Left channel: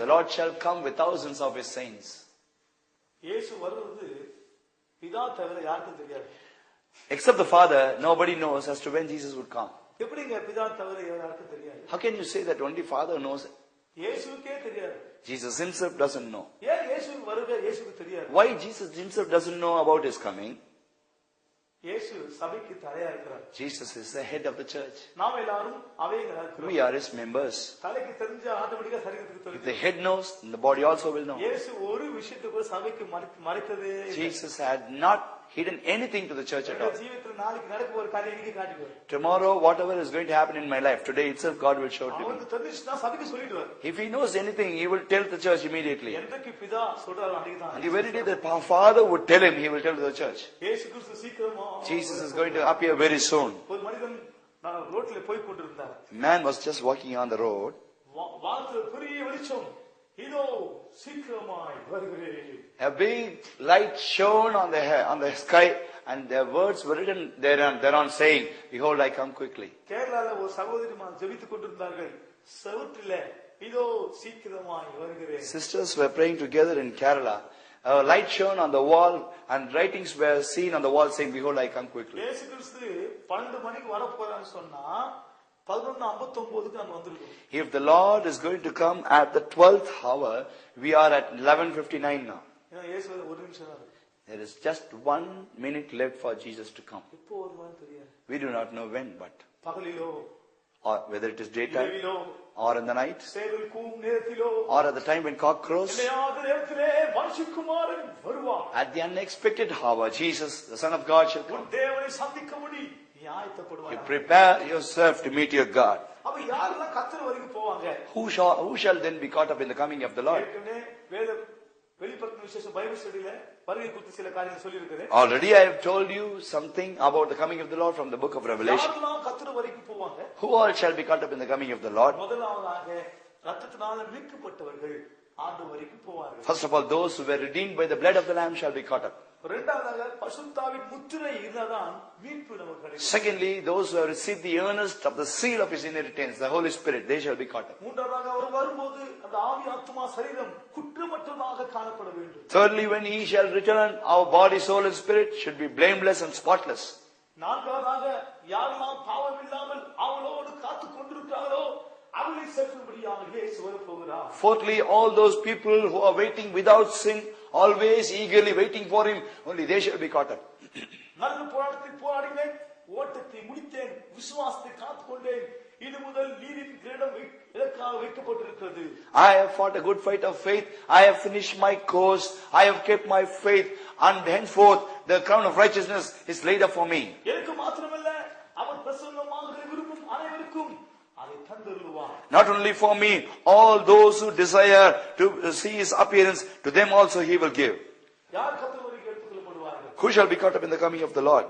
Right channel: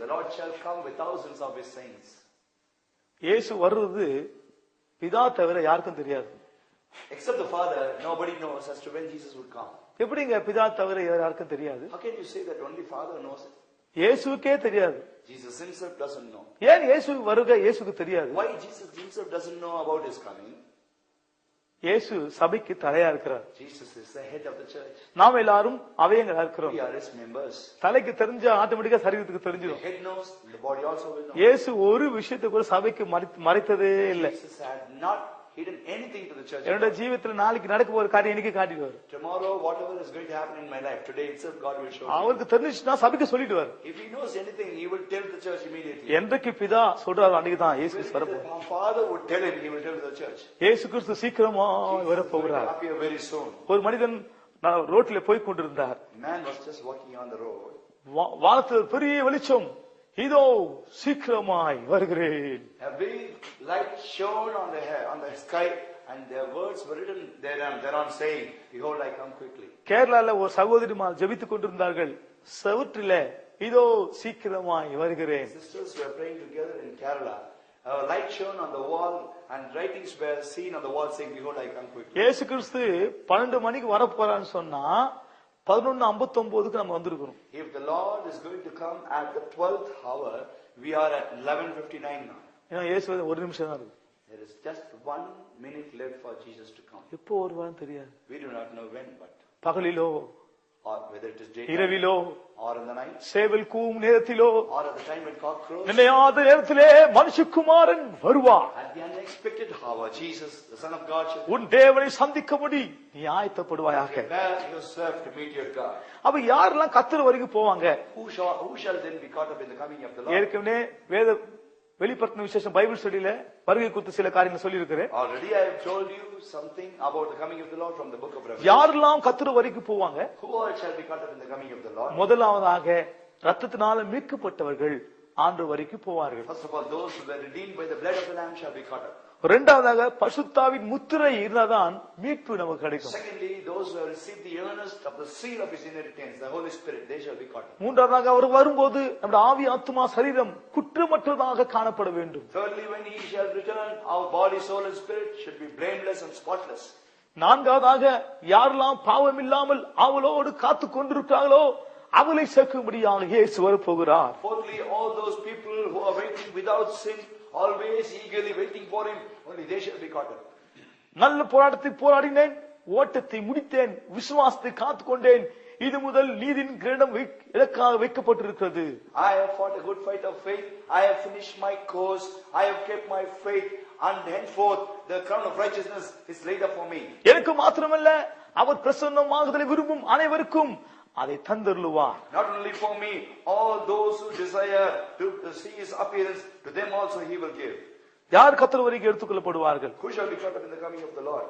The Lord shall come with thousands of his saints. இயேசு வருவது பிதா தவிர யாருக்கும் தெரியாது. Except the Father, nobody knows as to when Jesus would come. எப்படிங்க பிதா தவிர யாருக்கும் தெரியாது? How can you say that only Father knows it? இயேசுக்கே தெரியாது. Jesus himself doesn't know. ஏன் இயேசு வருகை இயேசுக்கு தெரியாது? Why Jesus himself doesn't know about his coming? இயேசு சபைக்கு தலையா இருக்கிறார். Jesus is the head of the church. நாம் எல்லாரும் அவயங்களா இருக்கிறோம். We are his members. தலைக்கு தெரிஞ்ச ஆட்டோமேட்டிக்கா சரீரத்துக்கு தெரிஞ்சு. The head knows, and the body also will know. இயேசு ஒரு விஷயத்தை கூட சபைக்கு மறைத்ததே இல்லை. Jesus had not hidden anything to the church. என்னோட ஜீவிதத்துல நாளைக்கு நடக்க போற காரியம் இன்னைக்கு காட்டிடுவார். Tomorrow whatever is going to happen in my life, today itself God will show it. அவருக்கு தெரிஞ்சுனா சபைக்கு சொல்லிடுவார். If he knows anything, he will tell the church immediately. என்றைக்கு பிதா சொல்றாரு அன்னைக்கு தான் If the Father would tell him, he will tell the church. இயேசு கிறிஸ்து சீக்கிரமா Jesus is going to appear very soon. ஒரு மனிதன் ரோட்ல போய் கொண்டிருந்தார். Man was just walking on the road. வானத்துல பெரிய வெளிச்சம், இதோ சீக்கிரமாய் வருகிறேன். A big light shone on the sky, and their words were written thereon saying, behold, I come quickly. கேரளால ஒரு சகோதரிமார் ஜெபித்துக் கொண்டிருந்தார்கள். செவுற்றிலே இதோ சீக்கிரமாய் வருகிறேன். Sisters were praying together in Kerala. A light shone on the wall, and writings were seen on the wall saying, behold, I come quickly. இயேசு கிறிஸ்து 12 மணிக்கு வர போறான்னு சொன்னா 11:59க்கு நம்ம வந்திருக்கிறோம். If the Lord is going to come at the 12th hour, we are at 11:59 now. ஏன்னா இயேசு ஒரு நிமிஷம் தான் இருக்கு. There is just 1 minute left for Jesus to come. எப்போ வருவான்னு தெரியாது. We do not know when, but பகலிலோ, or whether it is daytime, இரவிலோ, or in the night, சேவல் கூவும் நேரத்திலோ, or at the time when cock crows. நினையாத நேரத்திலே மனுஷகுமாரன் வருவார். At the unexpected hour, Jesus, the Son of God, shall உன் தேவனை சந்திக்கும்படி நீ ஆயத்தப்படுவாயாக. prepare yourself to meet your God. அப்ப யாரெல்லாம் கர்த்தர் வரைக்கும் போவாங்க? Who shall then be caught up in the coming of the Lord? ஏற்கனவே வேத வெளிப்படுத்தின விசேஷம் பைபிள் ஸ்டடியில வருகை குறித்து சில காரியங்கள் சொல்லி இருக்கிறேன். Already I have told you something about the coming of the Lord from the book of Revelation. யாரெல்லாம் கர்த்தர் வரைக்கும் போவாங்க? Who all shall be caught up in the coming of the Lord? முதலாவதாக இரத்தத்தினால மீட்கப்பட்டவர்கள் ஆண்டவர் வரைக்கும் போவார்கள். First of all, those who were redeemed by the blood of the Lamb shall be caught up. இரண்டாவதாக பரிசுத்தாவின் முத்திரை இருந்தாதான் மீட்பு நமக்கு கிடைக்கும். Secondly, those who have received the earnest of the seal of his inheritance, the Holy Spirit, they shall be caught up. மூன்றாவதாக அவர் வரும்போது நம்முடைய ஆவி ஆத்துமா சரீரம் குற்றமற்றதாக காணப்பட வேண்டும். Thirdly, when he shall return, our body, soul and spirit should be blameless and spotless. நான்காவதாக யாரெல்லாம் பாவம் இல்லாமல் அவளோடு காத்து கொண்டிருக்கிறார்களோ அவளை சேர்க்கும்படியாக இயேசு வரப்போகிறார். Fourthly, all those people who are waiting without sin, always eagerly waiting for him, only they shall be caught up. நல்ல போராட்டத்தை போராடினேன், ஓட்டத்தை முடித்தேன், விசுவாசத்தை காத்துக்கொண்டேன், இது முதல் நீதியின் கிரீடம் எனக்காக வைக்கப்பட்டிருக்கிறது. I have fought a good fight of faith, I have finished my course, I have kept my faith, and henceforth the crown of righteousness is laid up for me. எனக்கு மாத்திரமல்ல, அவர் பிரசன்னமாகுதலை விரும்பும் அனைவருக்கும் அதை தந்தருளுவார். Not only for me, all those who desire to see his appearance, to them also he will give. யார் கர்த்தர் வரைக்கும் எடுத்துக்கொள்ளப்படுவார்கள்? Who shall be caught up in the coming of the Lord?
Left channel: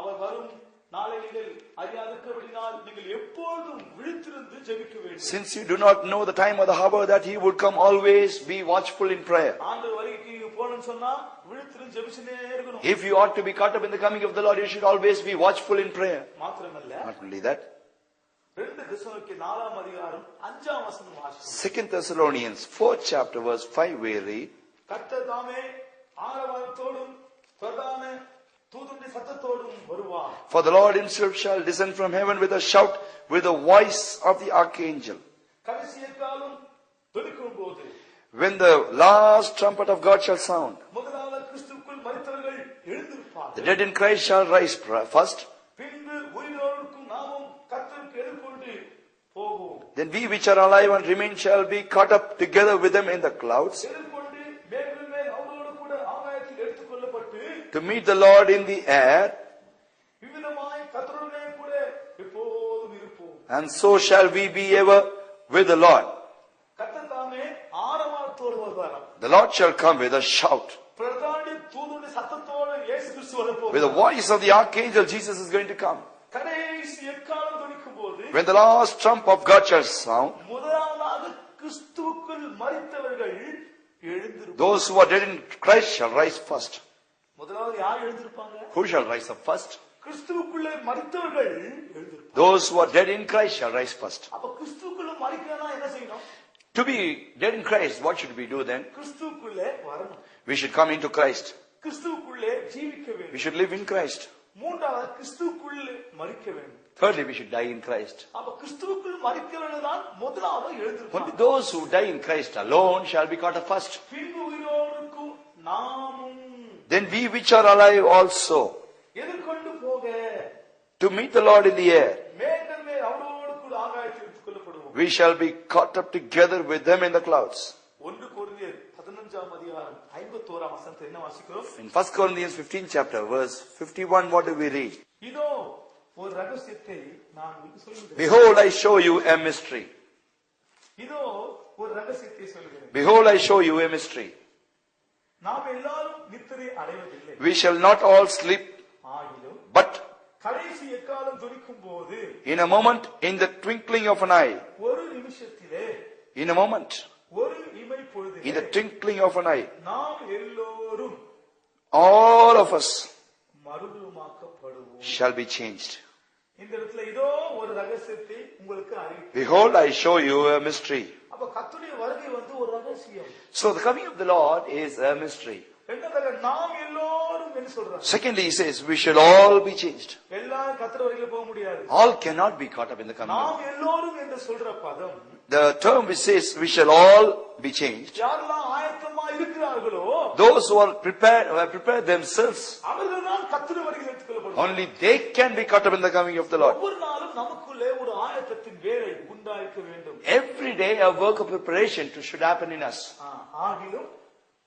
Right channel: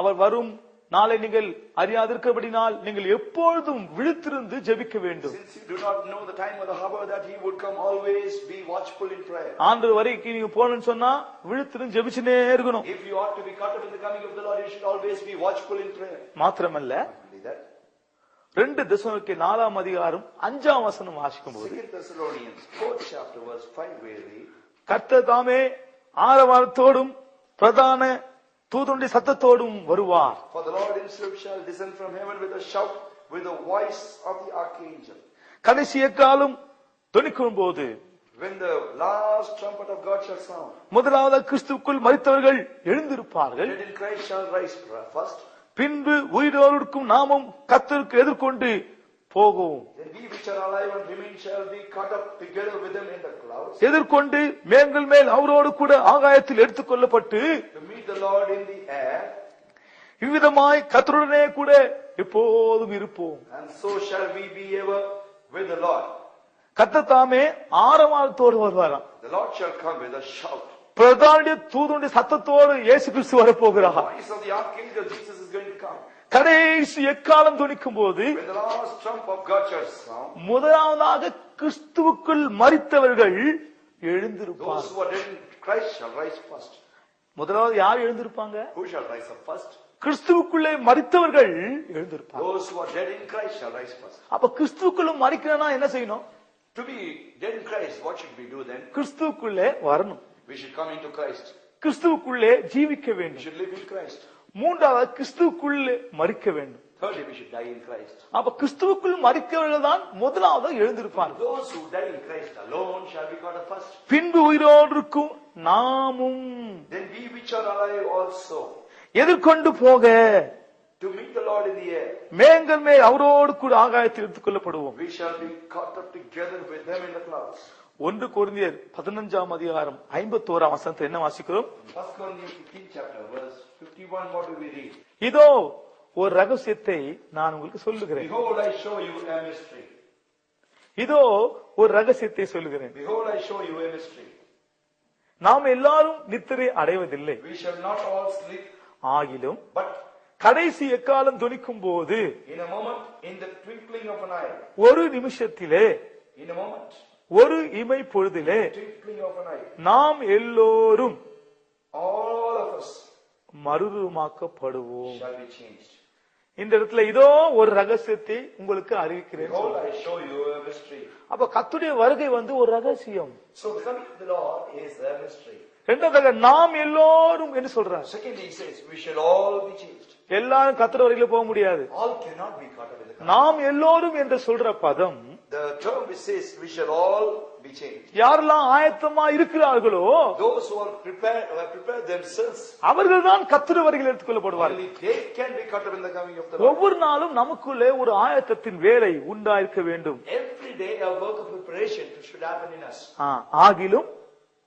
அவர் வரும் நாளை நீங்கள் அறியாதிருக்கிறபடினால் நீங்கள் எப்பொழுதும் விழித்திருந்து ஜெபிக்க வேண்டும். Since you do not know the time or the hour that he would come, always be watchful in prayer. ஆண்டவர் வரைக்கும் நீங்க போகணும்னு சொன்னா விழித்திருந்து ஜெபிச்சுனே இருக்கணும். If you ought to be caught up in the coming of the Lord, you should always be watchful in prayer. மாத்திரமல்ல, Not only that, 2 Thessalonica 4ஆம் அதிகாரம் 5ஆம் வசனம் வாசிக்கும். 2 Thessalonians 4th chapter verse 5 we read, கர்த்தர் தாமே ஆரவாரத்தோடும் பிரதான தூதனுடைய சத்தத்தோடும் வருவார். For the Lord himself shall descend from heaven with a shout, with the voice of the archangel. கடைசி எக்காலம் தொனிக்கும் போது, when the last trumpet of God shall sound, முதலாவது கிறிஸ்துவுக்குள் மரித்தவர்கள் the எழுந்திருப்பார்கள். dead in Christ shall rise first. பின்பு உயிரோருக்கும் நாமும் கர்த்தருக்கு எதிர்கொண்டு போகும். Then we which are alive and remain shall be caught up together with them in the clouds, எதிர்கொண்டு மேன்கள் மேல் அவரோடு கூட ஆகாயத்தில் எடுத்துக்கொள்ளப்பட்டு to meet the Lord in the air, இவ்விதமாய் கர்த்தருடனே கூட எப்போதும் இருப்போம். and so shall we be ever with the Lord. கர்த்தர் தாமே ஆரவாரத்தோடு வருவாராம். The Lord shall come with a shout. பிரதான தூதனுடைய சத்தத்தோடு இயேசு கிறிஸ்து With the வரப்போகிறார். voice of the archangel, Jesus is going to come. கடைசி எக்காலம் தொனிக்கும் போது, When the last trump of God shall sound, முதலாவதாக கிறிஸ்துவுக்குள் மரித்தவர்கள் எழுந்திருப்பார்கள். those who are dead in Christ shall rise first. முதலாவது யார் எழுந்திருப்பாங்க? Who shall rise up first? கிறிஸ்துவுக்குள்ளே மரித்தவர்கள் எழுந்திருப்பார்கள். Those who are dead in Christ shall rise first. அப்ப கிறிஸ்துவுக்குள்ள மரிக்கிறனா என்ன செய்யணும்? To be dead in Christ, what should we do then? கிறிஸ்துவுக்குள்ளே வரணும். We should come into Christ. கிறிஸ்துவுக்குள்ளே ஜீவிக்க We வேண்டும். should live in Christ. மூன்றாவது கிறிஸ்துவுக்குள்ளே மரிக்க வேண்டும். Thirdly, we should die in Christ. அப்ப கிறிஸ்துவுக்குள் மரிக்கிறவர்கள் தான் முதலாவது எழுந்திருப்பாங்க. But those who die in Christ alone shall be caught up first. பின்பு உயிரோடு இருக்கும் நாமும் Then we which are alive also, எதிர்கொண்டு போக to meet the Lord in the air, மேகங்கள் மேல் அவரோடு கூட ஆகாயத்தில் எடுத்துக் கொள்ளப்படுவோம். we shall be caught up together with them in the clouds. 1 கொரிந்தியர் 15ஆம் அதிகாரம் 51ஆம் வசனத்தை என்ன வாசிக்கிறோம்? In 1 Corinthians 15 chapter verse 51, what do we read? இதோ ஒரு ரகசியத்தை நான் உங்களுக்கு சொல்லுகிறேன். Behold, I show you a mystery. இதோ ஒரு ரகசியத்தை சொல்லுகிறேன். Behold, I show you a mystery. நாம் எல்லாரும் நித்திரை அடைவதில்லை. We shall not all sleep, ஆகிலும் but கடைசி எக்காலம் துணிக்கும் போது in a moment, in the twinkling of an eye, ஒரு நிமிஷத்திலே in a moment, ஒரு இமை in பொழுதிலே the twinkling of an eye, நாம் எல்லோரும் all of us மறுரூபமாக்கப்படுவோம். shall be changed. இந்த இடத்துல இதோ ஒரு ரகசியத்தை உங்களுக்கு அறிவிக்கிறேன். Behold, I show you a mystery. அப்ப கர்த்தருடைய வருகை ஒரு ரகசியம். So the coming of the Lord is a mystery. இரண்டாவது நாம் எல்லோரும் என்று சொல்றார். Secondly, he says we shall all be changed. எல்லாரும் கர்த்தர் வருகையில போக முடியாது. All cannot be caught up in the coming. நாம் எல்லோரும் என்று சொல்ற பதம், The term which says we shall all be changed, யாரெல்லாம் ஆயத்தமா இருக்கிறார்களோ those who are prepared, who have prepared themselves, அவர்கள் தான் கர்த்தர் வருகையில் எடுத்துக்கொள்ளப்படுவார்கள். only they can be caught up in the coming of the Lord. ஒவ்வொரு நாளும் நமக்குள்ளே ஒரு ஆயத்தத்தின் வேலை உண்டாயிருக்க வேண்டும். Every day a work of preparation should happen in us. ஆகிலும்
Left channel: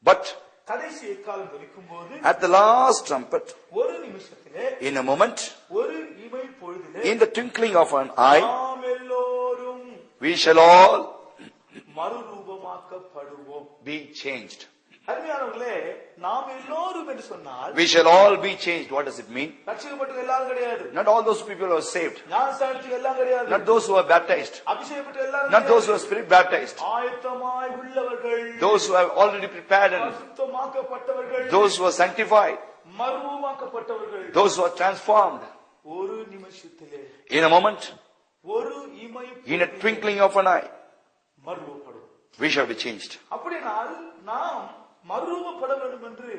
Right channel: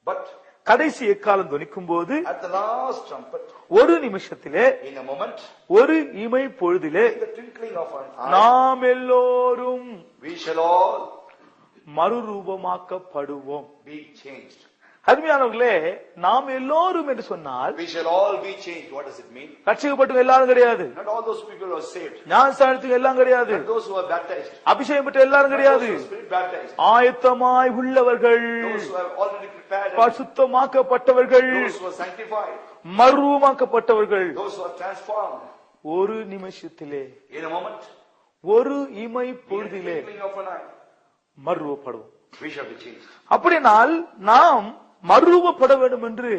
But கடைசி எக்காலம் துணிக்கும் போது at the last trumpet, ஒரு நிமிஷத்திலே in a moment, ஒரு இமை பொழுதிலே in the twinkling of an eye, நாம் எல்லோரும் we shall all மறுரூபமாக்கப்படுவோம். be changed. அருமையானவர்களே, நாம் எல்லோரும் என்று சொன்னால் We shall all be changed. What does it mean? ரட்சிக்கப்பட்ட எல்லாரும் கிடையாது. Not all those people who are saved. ஞானஸ்நானத்துக்கு எல்லாம் கிடையாது. Not those who are baptized. அபிஷேகம் பெற்ற எல்லாரும் Not those who கிடையாது. are spirit baptized. ஆயத்தமாய் உள்ளவர்கள், Those who have already prepared. பரிசுத்தமாக்கப்பட்டவர்கள், Those who are sanctified. மறுரூபமாக்கப்பட்டவர்கள், Those who are transformed. ஒரு நிமிஷத்திலே In a moment, ஒரு இமை in a பொழுதிலே twinkling of an eye, மறுரூபப்படுவோம். we shall be changed. அப்படினால் நாம் மறுரூபப்பட வேண்டும் என்று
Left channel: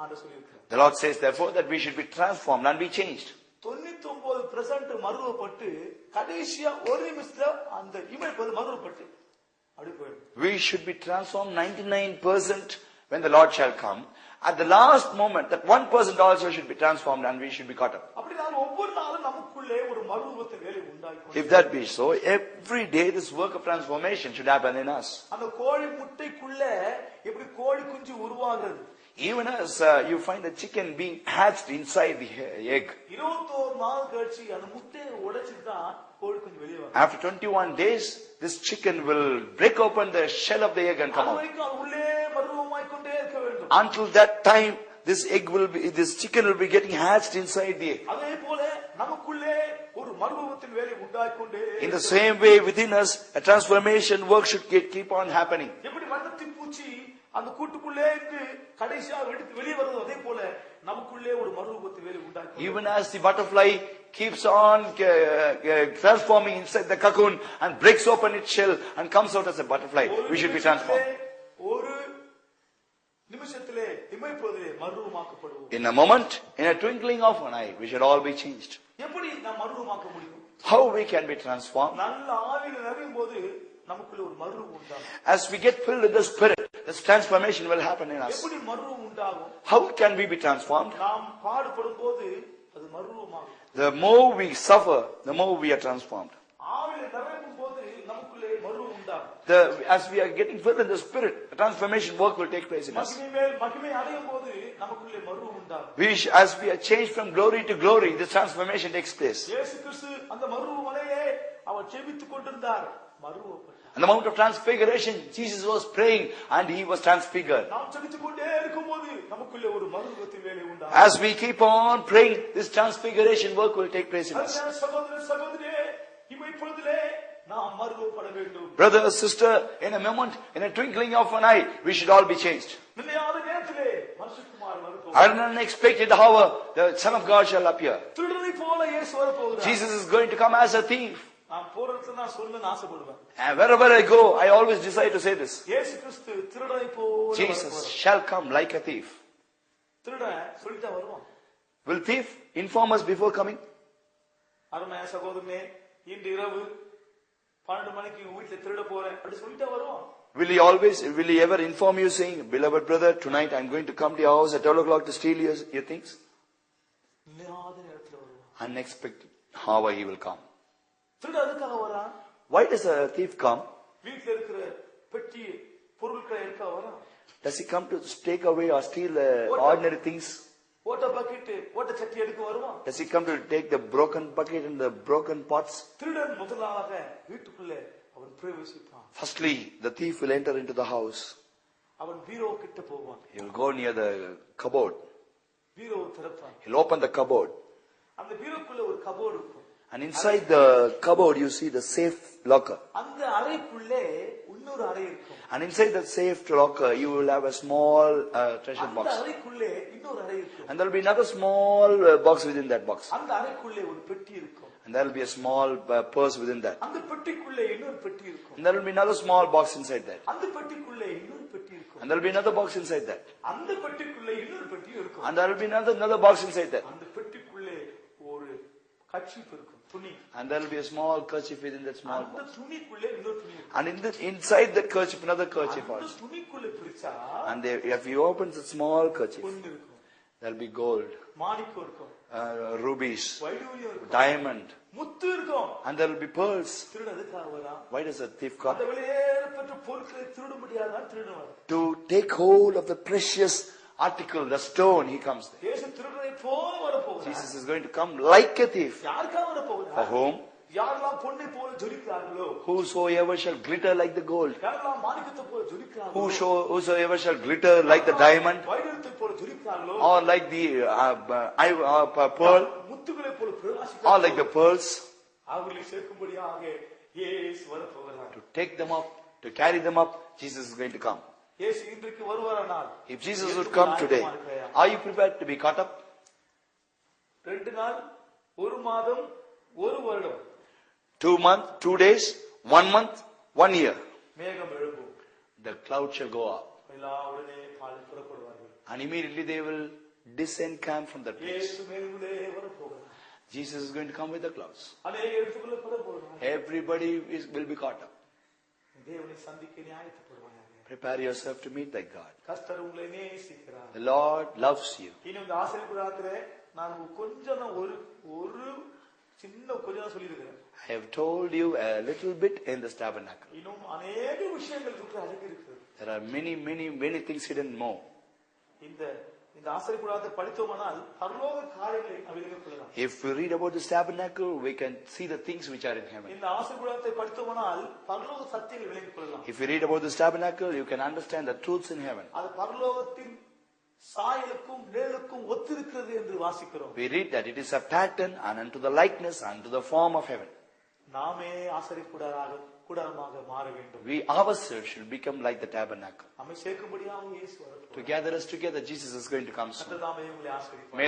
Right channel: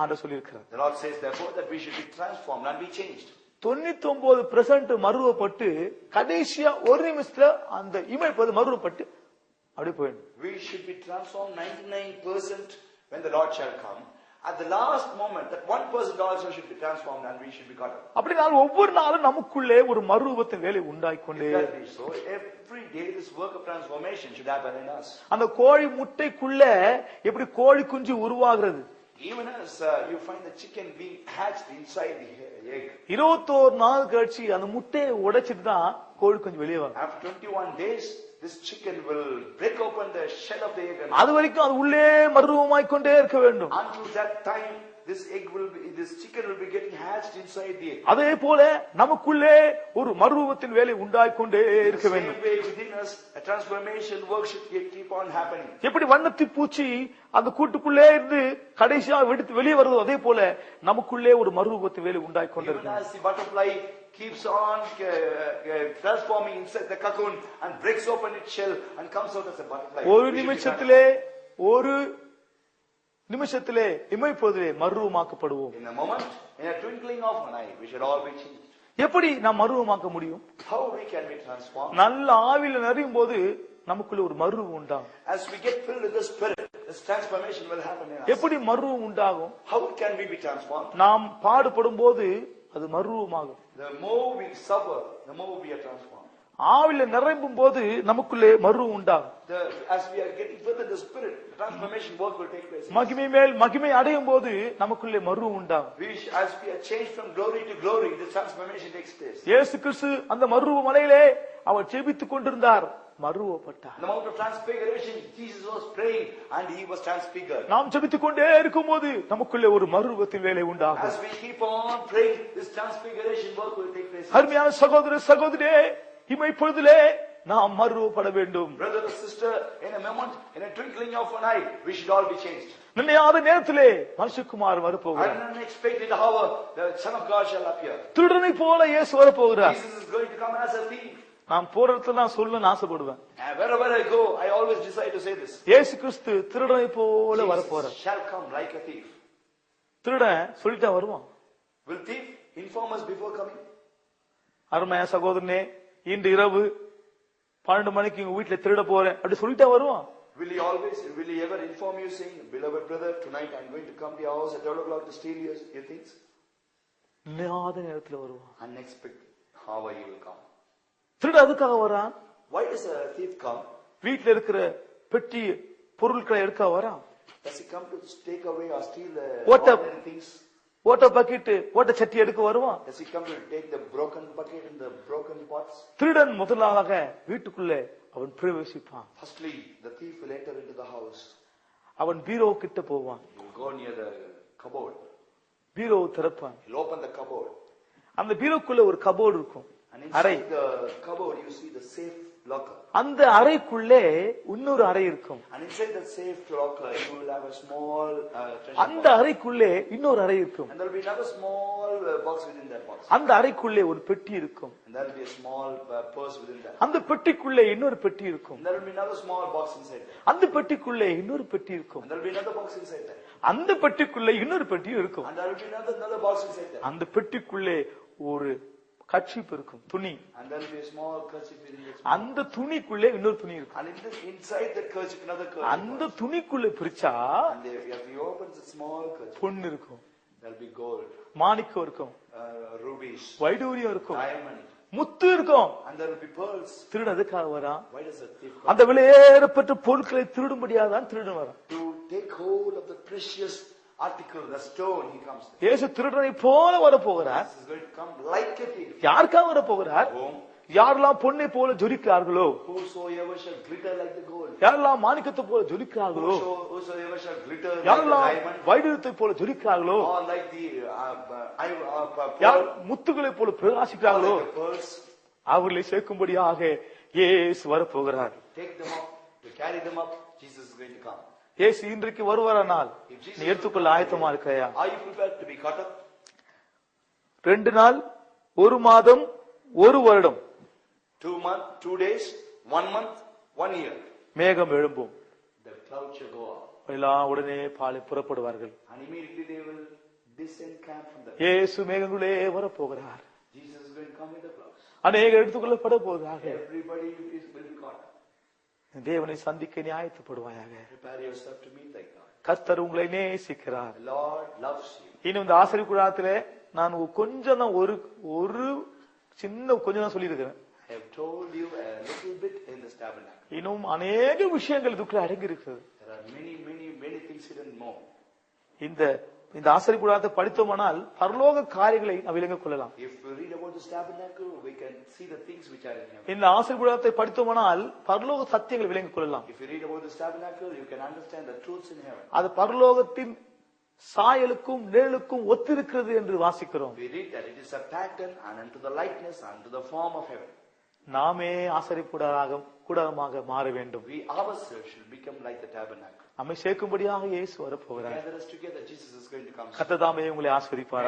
ஆண்டவர் சொல்லியிருக்கிறார். The Lord says therefore that we should be transformed and be changed. 99% மறுரூபப்பட்டு கடைசியா ஒரு நிமிஷத்துல அந்த இமை மறுரூபப்பட்டு அப்படி போயிடும். We should be transformed 99% when the Lord shall come. At the last moment, that 1% also should be transformed and we should be caught up. அப்படினால் ஒவ்வொரு நாளும் நமக்குள்ளே ஒரு மறுரூபத்தின் வேலை உண்டாயிக்கொண்டே. If that be so, every day this work of transformation should happen in us. அந்த கோழி முட்டைக்குள்ள எப்படி கோழி குஞ்சு உருவாகிறது, Even as you find the chicken being hatched inside the egg. 21 நாள் கழிச்சு அந்த முட்டையை உடைச்சிட்டு தான் கோழி குஞ்சு வெளியே வரும். After 21 days, this chicken will break open the shell of the egg and அது வரைக்கும் அது உள்ளே மறுரூபமாய் கொண்டே இருக்க வேண்டும். until that time, this chicken will be getting hatched inside the egg. அதே போல நமக்குள்ளே ஒரு மறுரூபத்தின் வேலை உண்டாயிக்கொண்டே In the இருக்க வேண்டும். same way, within us, a transformation work should keep on happening. எப்படி வண்ணத்தி பூச்சி அந்த கூட்டுக்குள்ளே இருந்து கடைசியா வெளியே வருவது, அதே போல நமக்குள்ளே ஒரு மறுரூபத்தின் வேலை உண்டாயிக்கொண்டே. Even as the butterfly keeps on transforming inside the cocoon and breaks open its shell and comes out as a butterfly, ஒரு we should be நிமிஷத்திலே transformed. ஒரு நிமிஷத்திலே இமை பொழுதிலே மறுரூபமாக்கப்படுவோம். In a moment, in a twinkling of an eye, we should all be changed. எப்படி நாம் மறுரூபமாக்க முடியும்? How we can be transformed? நல்ல ஆவியில நிறையும் போது நமக்குள்ள ஒரு மறுரூபம் உண்டாகும். As we get filled with the Spirit, this transformation will happen in us. எப்படி மறுரூபம் உண்டாகும்? How can we be transformed? நாம் பாடுபடும் போது அது மறுரூபமாகும். The more we suffer, the more we are transformed. ஆவியில நிறையும் போது நமக்குள்ளே மறுரூபம் உண்டாகும். As we are getting filled in the Spirit, the transformation work will take place in us. மகிமை மேல் மகிமை அடையும் போது நமக்குள்ளே மறுரூபம் உண்டாகும். As we are changed from glory to glory, this transformation takes place. இயேசு கிறிஸ்து அந்த மறுரூப மலையிலே அவர் ஜெபித்துக் கொண்டிருந்தார், மறுரூபப்பட்டார். On the Mount of Transfiguration, Jesus was praying and he was transfigured. நாம் ஜெபித்துக் கொண்டே இருக்கும்போது நமக்குள்ளே ஒரு மறுரூபத்தின் வேலை உண்டாகும். As we keep on praying, this transfiguration work will take place in us. அருமையான சகோதர சகோதரியே, இமை பொழுதிலே நாம் மறுரூபப்பட வேண்டும். Brother, sister, in a moment, in a twinkling of an eye, we should all be changed. நினையாத நேரத்திலே மனுஷகுமாரன் வரப்போகிறார். At an unexpected hour, the Son of God shall appear. திருடனை போல இயேசு வரப்போகிறார். Jesus is going to come as a thief. நான் போற இடத்துல நான் சொல்லணும்னு ஆசைப்படுவேன். And wherever I go, I always decide to say this. இயேசு கிறிஸ்து திருடனை போல Jesus வரப்போறார். shall come like a thief. திருடன் சொல்லிட்டா வருவான். Will thief inform us before coming? அருமையா சகோதரனே, இன்று இரவு 12 மணிக்கு உங்க வீட்டுல திருட போறேன் அப்படி சொல்லிட்டா வருவான். Will he ever inform you saying, beloved brother, tonight I'm going to come to your house at 12 o'clock to steal your things? இல்லாத நேரத்துல வருவான். Unexpected. However he will come. திருட அதுக்காக வரான். Why does a thief come? வீட்டுல இருக்கிற பெட்டி பொருட்களை எடுக்க வரான். Does he come to take away or steal What ordinary things? ஓட்ட பக்கெட் ஓட்ட சட்டி எடுக்க வருவான். Does he come to take the broken bucket and the broken pots? திருடன் முதலாக வீட்டுக்குள்ளே அவன் பிரவேசிப்பான். Firstly, the thief will enter into the house. அவன் பீரோ கிட்ட போவான். He will go near the cupboard. Bureau திறப்பான். He'll open the cupboard. அந்த பீரோக்குள்ள ஒரு cupboard இருக்கும். And inside the cupboard you see the safe locker. அந்த அறைக்குள்ளே இன்னொரு அறை இருக்கும். And inside that safe locker you will have a small treasure அந்த box. அறைக்குள்ளே இன்னொரு அறை இருக்கும். And there will be another small box within that box. அந்த அறைக்குள்ளே ஒரு பெட்டி இருக்கும். And there will be a small purse within that. அந்த பெட்டிக்குள்ளே இன்னொரு பெட்டி இருக்கும். And there will be another small box inside that. அந்த பெட்டிக்குள்ளே இன்னொரு பெட்டி இருக்கும். And there will be another box inside that. அந்த பெட்டிக்குள்ளே இன்னொரு பெட்டியும் இருக்கும். And there will be another box inside that. அந்த பெட்டிக்குள்ளே ஒரு கர்ச்சீப் இருக்கும், துணி. And there will be a small kerchief within that small. அந்த துணிக்குள்ளே இன்னொரு துணி இருக்கும். And inside that kerchief another kerchief. அந்த துணிக்குள்ளே பிரிச்சா And if you open the small kerchief, பொன் இருக்கும், there will be gold, மாணிக்கம் இருக்கும், rubies, வைடூரியம் இருக்கும், diamond, முத்து இருக்கும். and there will be pearls. திருடன் அதுக்காக வரான். Why does a thief come? அந்த விலையேறப்பட்ட பொருட்களை திருடும்படியாதான் திருடன் வரான். To take hold of the precious article, the stone, he comes. இயேசு திருடனை போல வர போகிறார். Jesus is going to come like a thief. யாருக்காக வர போகிறார்? Whom? யாரெல்லாம் பொன்னை போல ஜொலிக்கிறார்களோ, Whosoever shall glitter like the gold. யாரெல்லாம் மாணிக்கத்தை போல ஜொலிக்கிறார்களோ, Whosoever shall glitter like the diamond, வைடூரியத்தை போல ஜொலிக்கிறார்களோ, or like the pearl, முத்துகளை போல or பிரகாசிக்கிறார்களோ, like the pearls, அவர்களை சேர்க்கும்படியாக இயேசு வர போகிறார். to take them up, to carry them up, Jesus is going to come. இயேசு இன்றைக்கு வருவாரானால் If Jesus will ஏற்றுக்கொள்ள come ஆயத்தமா today, இருக்கிறையா? are you prepared to be caught up? 2 நாள், 1 மாதம், 1 வருடம், 2 months, 2 days, 1 month, 1 year. மேகம் எழும்பும். The cloud shall go up. எல்லாம் உடனே பாலை புறப்படுவார்கள். And immediately they will disencamp from the place. இயேசு மேகங்களே வர போகிறார். Jesus is going to come with the clouds. அநேகர் எடுத்துக்கொள்ளப்பட போகிறார்கள். Everybody will be caught up. தேவனை சந்திக்க நீ ஆயத்தப்படுவாயாக. Prepare yourself to meet thy God. கர்த்தர் உங்களை நேசிக்கிறார். The Lord loves you. இன்னும் இந்த ஆசிரியர் கூடாரத்திலே நான் கொஞ்சம் தான் ஒரு சின்ன கொஞ்சம் தான் சொல்லியிருக்கிறேன். I have told you a little bit in this tabernacle. இன்னும் அநேக விஷயங்கள் இதுக்குள்ள அடங்கி இருக்கிறது. There are many things hidden more. இந்த ஆசிரியர் கூடாரத்தை படித்தோமானால் பரலோக காரியங்களை நாம் விளங்கிக் கொள்ளலாம். If we read about this tabernacle, we can see the things which are in heaven. இந்த ஆசிரியர் கூடாரத்தை படித்தோமானால் பரலோக சத்தியங்களை விளங்கிக் கொள்ளலாம். If you read about this tabernacle, you can understand the truths in heaven. அது பரலோகத்தின் சாயலுக்கும் நிழலுக்கும் ஒத்திருக்கிறது என்று வாசிக்கிறோம். We read that it is a pattern and unto the likeness and to the form of heaven. நாமே ஆசிரியர் கூடாரமாக மாற வேண்டும். We ourselves should become like the tabernacle. நம்மை சேர்க்கும்படியாக இயேசு வரப்போகிறார். To gather us together, Jesus is going to come soon. கர்த்தர் தாமே உங்களை ஆசீர்வதிப்பார்.